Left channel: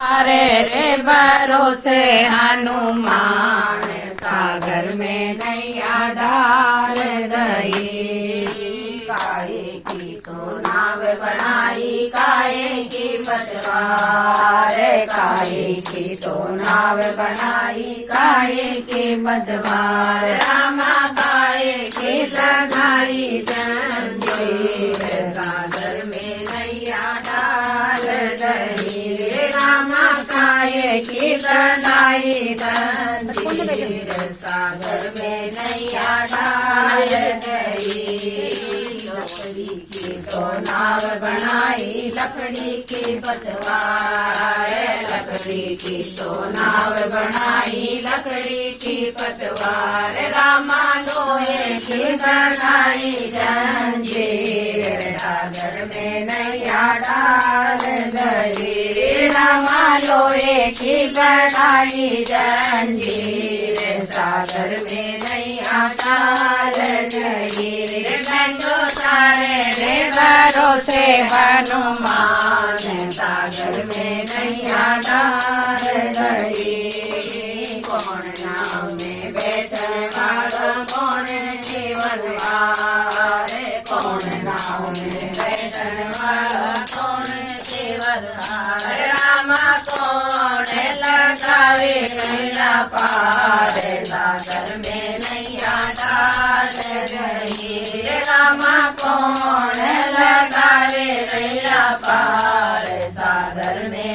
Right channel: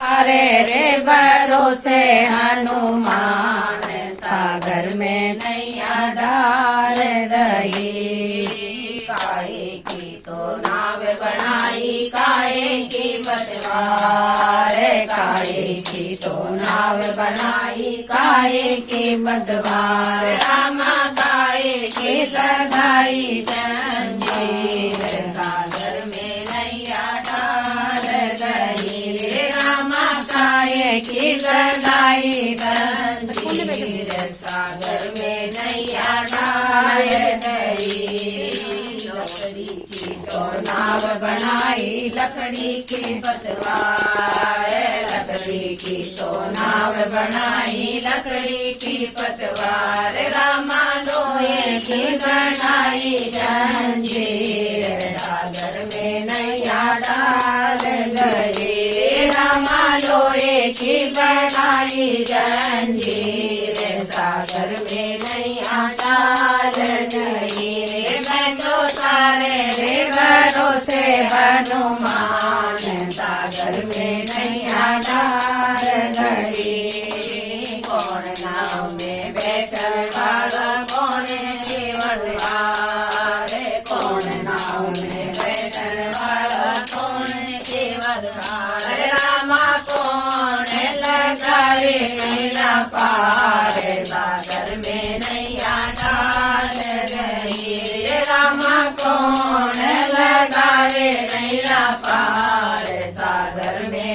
अरे रे भरोसे हनुमान सागर में नैया डाल गई। काहे की तो नाव बनाई काहे की बटवार, काहे की तो नाव बनाई काहे की बटवार। रामा काहे की लगाई जंजीर सागर में नैया डाल गई। रे रामा काहे की लगाई जंजीर सागर में नैया डाल गई। लकड़ी की तो नाव बनाई लकड़ी की पतवार, लकड़ी की तो नाव बनाई लकड़ी की पतवार। रामा लोहे की बनाई जंजीर सागर में नैया डाल गई। रामा लोहे की बनाई जंजीर सागर में नैया डाल गई। मैं तो सारे रे भरोसे हनुमान सागर में नैया डाल गई। कौन नाव में बैठल वाला कौन केवलवार, कौन नाव में बैठल वाला कौन केवलवार। रामा कौन लगाए नैया पार सागर में